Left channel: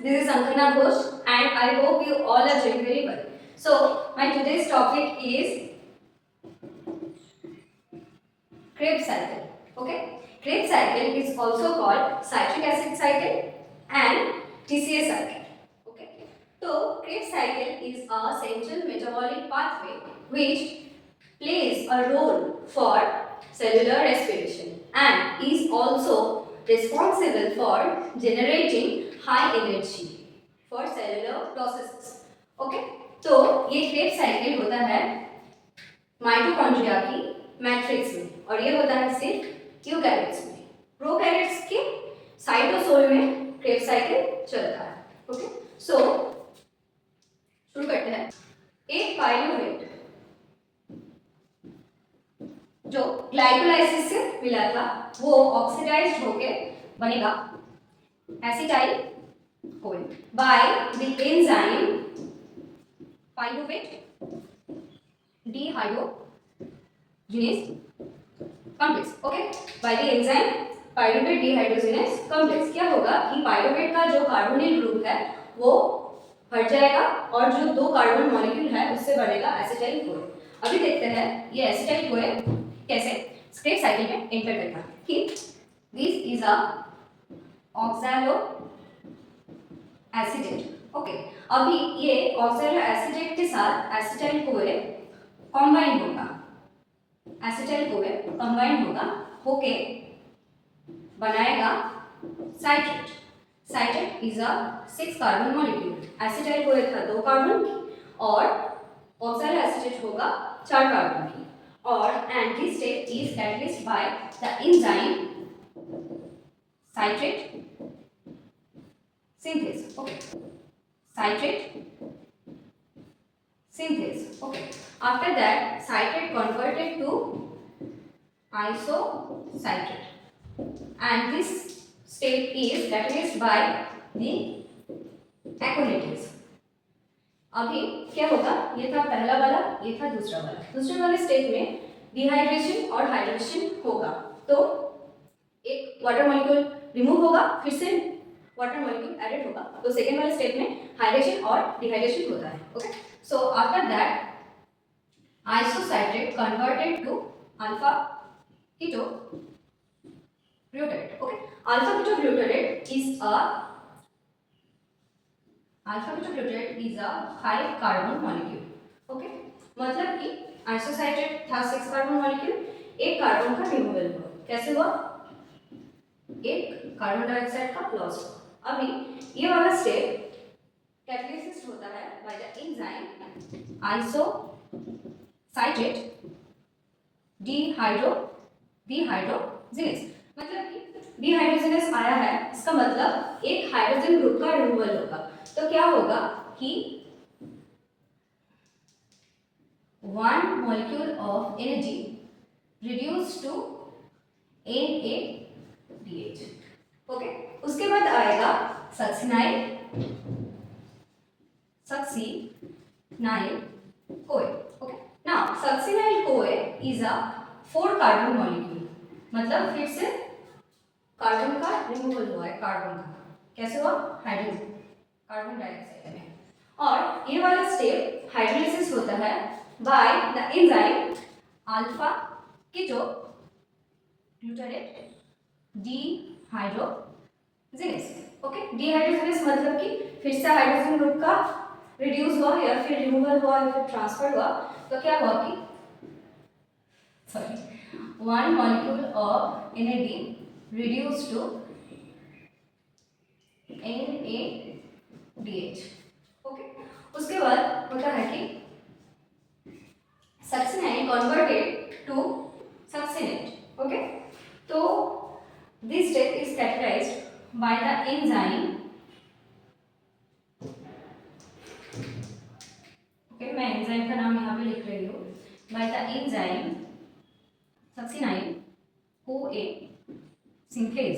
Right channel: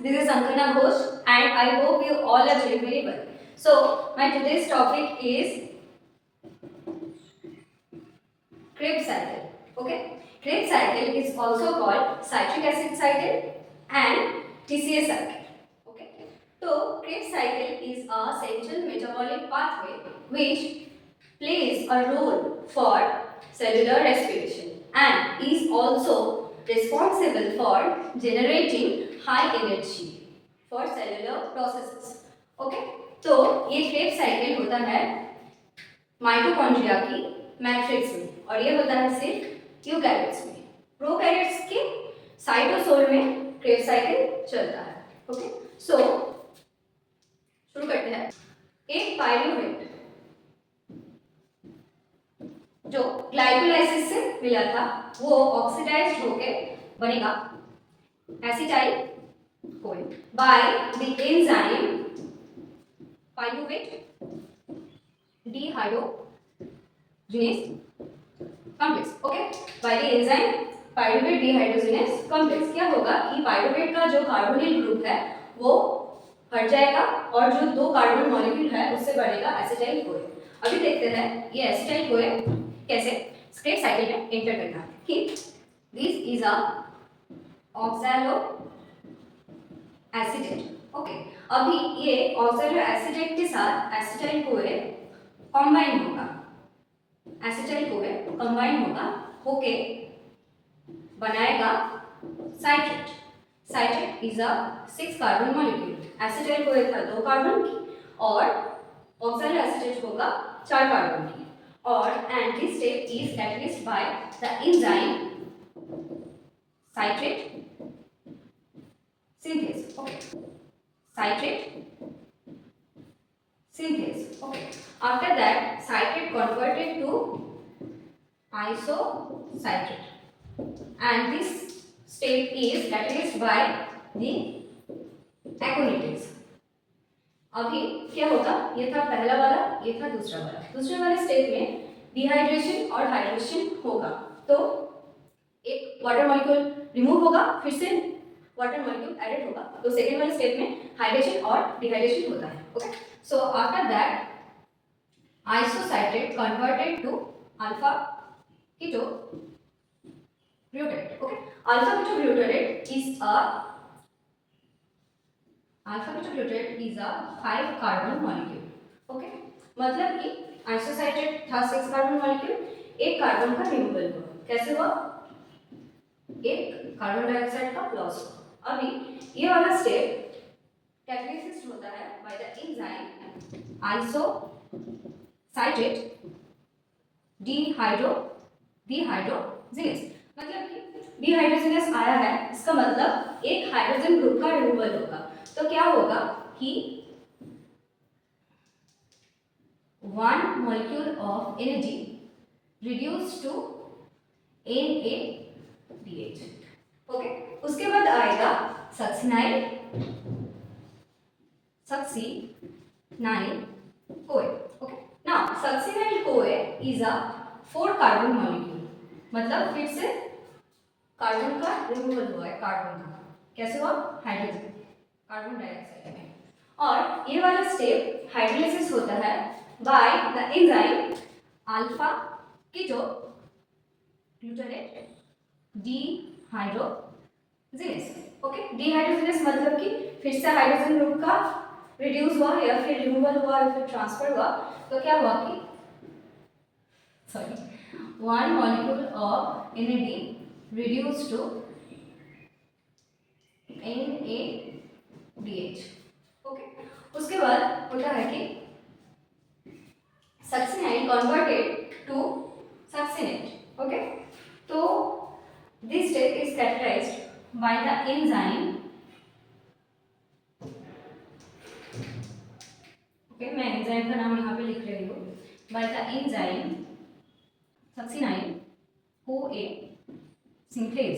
this is Ankana Ghosh and I hope you all are doing very well. So, my today's topic is Krebs cycle. Okay, Krebs cycle is also called citric acid cycle and TCA cycle. Okay, so Krebs cycle is a central metabolic pathway which plays a role for cellular respiration and is also responsible for generating high energy for cellular processes. Okay, तो ये Krebs cycle होता है mitochondria की matrix में और ये होता है सिर्फ यूकैरियोट्स में। प्रोकैरियोट्स के साइटोसोल में क्रेब साइकिल चलता है। ओके, सो शुरू करते हैं। एक पाइरूवेट जो ग्लाइकोलाइसिस से मिला था वो ऑक्सीडाइज्ड होके बनेगा acetyl coin bye the enzyme pyruvate dehydrogenase complex. Okay, bye the enzyme pyruvate dehydrogenase complex क्या होगा कि पाइरूवेट का जो कार्बोनिल ग्रुप है वो हट जाएगा और जो दो कार्बन मॉलिक्यूल है उससे बनेगा एसिटाइल कोइन। अभी देखते हैं ये एसिटाइल कोइन कैसे क्रेब साइकिल में एंटर करना कि this is a oxalo acetate. Okay, अभी ये ऑक्सैलो एसिडेट के साथ एसिटाइल कोए कंबाइन होगा, एसिटाइल कोए कंबाइन होगा होके बनाएगा citrate. Citrate is a 6 carbon molecule. Acetyl CoA था 2 कार्बन की और ऑक्सैलो एसिडेट होगा 4 कार्बन की और and this step is catalyzed by the enzyme citrate synthase. Okay, citrate synthase. Okay, after that citrate converted to isocitrate and this step is catalyzed by the aconitase. अभी क्या होगा, ये था पहला वाला, ये था दूसरा वाला। दूसरे वाले स्टेप में डिहाइड्रेशन और हाइड्रेशन होगा तो एक वाटर मॉलिक्यूल रिमूव होगा, फिर से वाटर मॉलिक्यूल एडेड होगा। तो सेकेंड वाले स्टेप में हाइड्रेशन और डिहाइड्रेशन होता है। Okay, so after that isocitrate converted to alpha keto butyrate. Okay, alpha keto butyrate is a alpha keto butyrate is a 5 carbon molecule. Okay, मतलब कि isocitrate था 6 कार्बन मॉलिक्यूल, एक carbon का removal हुआ। कैसे हुआ? एक कार्बन डाइऑक्साइड का लॉस हुआ। अभी ये वाला स्टेप कैटालिसिस होता है बाय द एंजाइम आइसोसाइट्रेट डिहाइड्रोजिनेज। मतलब कि डिहाइड्रोजिनेज आया है, इसका मतलब एक हाइड्रोजन ग्रुप का रिमूवल होगा। तो क्या होगा कि 1 molecule of energy reduced to NADH। Okay, उसके बाद आएगा सक्सिनाइल कोए। ओके, नाउ सक्सिनाइल कोए इज अ 4 कार्बन मॉलिक्यूल, मतलब फिर से कार्बन का रिमूवल हुआ है। कार्बन का कैसे हुआ? हाइड्रोजन कार्बन डाइऑक्साइड में। और ये वाला स्टेप हाइड्रोलिसिस होता है by the enzyme alpha keto butyrate dehydrogenase. Okay, dehydrogenase मतलब कि फिर से हाइड्रोजन ग्रुप का रिड्यूस हुआ या फिर रिमूवल हुआ या फिर ट्रांसफर हुआ। तो क्या हुआ कि 1 molecule of NAD reduced to NADH। Okay, उसके बाद होता है कि succinyl converted to succinate. Okay, तो this step is catalysed by the enzyme. Okay, मैं एंजाइम का नाम यहाँ पे लिख रही हूँ। By the enzyme succinyl CoA synthase.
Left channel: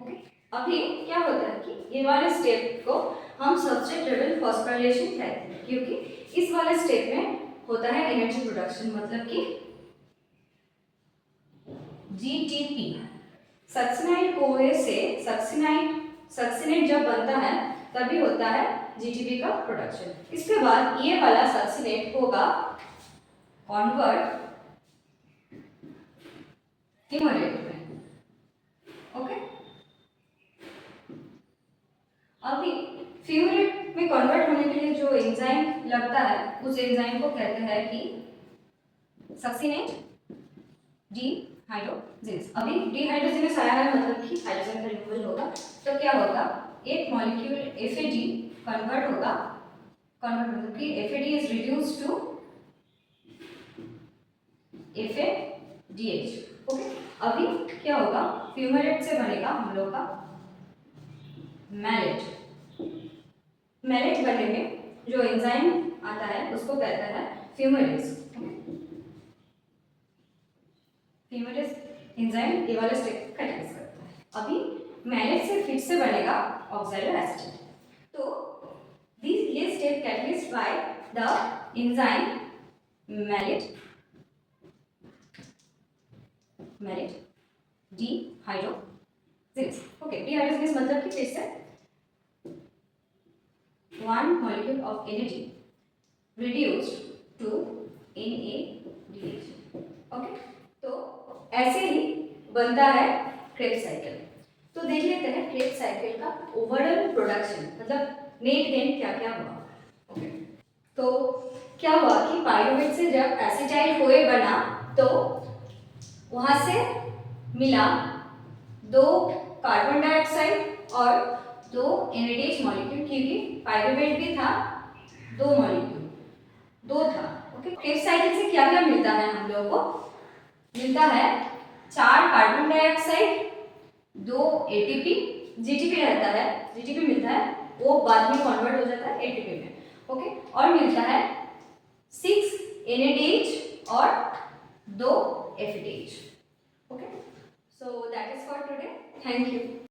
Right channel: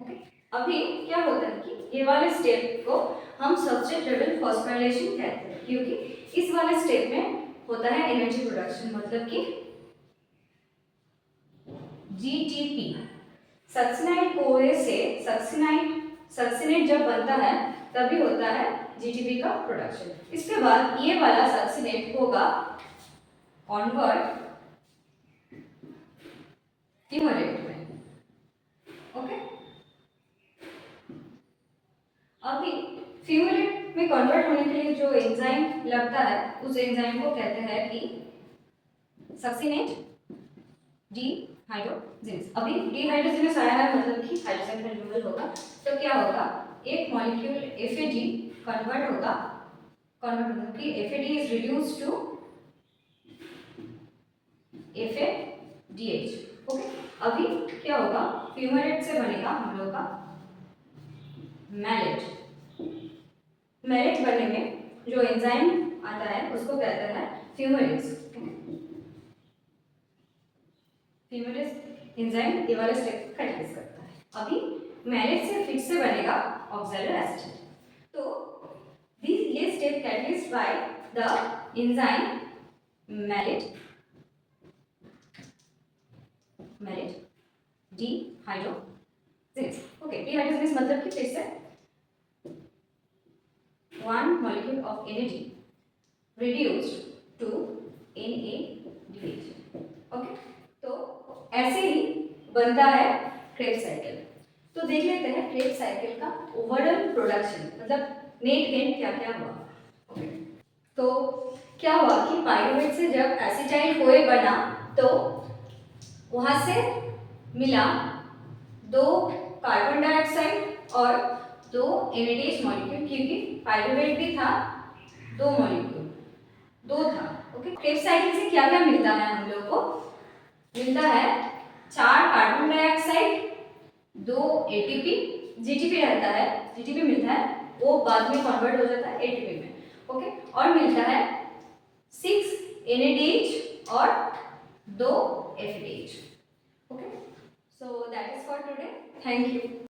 Okay, अभी क्या होता है कि ये वाले स्टेप को हम सबस्ट्रेट लेवल फॉस्फोराइलेशन कहते हैं क्योंकि इस वाले स्टेप में होता है एनर्जी प्रोडक्शन। मतलब कि जीटीपी सक्सिनाइल कोए से सक्सिनेट जब बनता है तभी होता है जीटीपी का प्रोडक्शन। इसके बाद ये वाला सक्सीनेट होगा कन्वर्ट फ्यूमेरेट में। ओके, अभी फ्यूमेरेट में कन्वर्ट होने के लिए जो एंजाइम लगता है उस एंजाइम को कहते हैं कि सक्सीनेट डिहाइड्रोजिनेस। अभी डिहाइड्रोजिनेस आया है मतलब कि हाइड्रोजन का रिमूवल होगा, तो क्या होगा, एक मॉलिक्यूल FAD कन्वर्ट होगा, कन्वर्ट मतलब कि FAD is reduced to FADH। Okay, अभी क्या होगा, फ्यूमेरेट से बनेगा हम लोग का मैलेट। मैलेट बनने में जो एंजाइम आता है उसको कहते हैं फ्यूमेरेज। फ्यूमेरेज एंजाइम ये वाला स्टेप कैटेलाइज करता है। अभी मैलेट से फिर से बनेगा ऑक्सैलो एसिड। तो ये step catalysed by the enzyme malate dehydrogenase. Okay, dehydrogenase मतलब कि फिर से one molecule of NAD reduced to NADH। Okay, तो ऐसे ही बनता है क्रेब्स साइकिल। तो देख लेते हैं क्रेब्स साइकिल का ओवरऑल प्रोडक्शन, मतलब नेट गेन क्या क्या हुआ। ओके, तो क्या हुआ कि पाइरुवेट से जब एसिटाइल कोए बना तो वहां से मिला 2 कार्बन डाइऑक्साइड और 2 NADH मॉलिक्यूल, क्योंकि पाइरुवेट भी था 2 मॉलिक्यूल, 2 था। ओके, क्रेब्स साइकिल से क्या क्या मिलता है हम लोग को, मिलता है 4 कार्बन डाइऑक्साइड, 2 ATP, GTP रहता है, GTP मिलता है, वो बाद में कन्वर्ट हो जाता है ATP में। ओके, और मिलता है 6 NADH और 2 FADH। Okay, so that is for today. Thank you.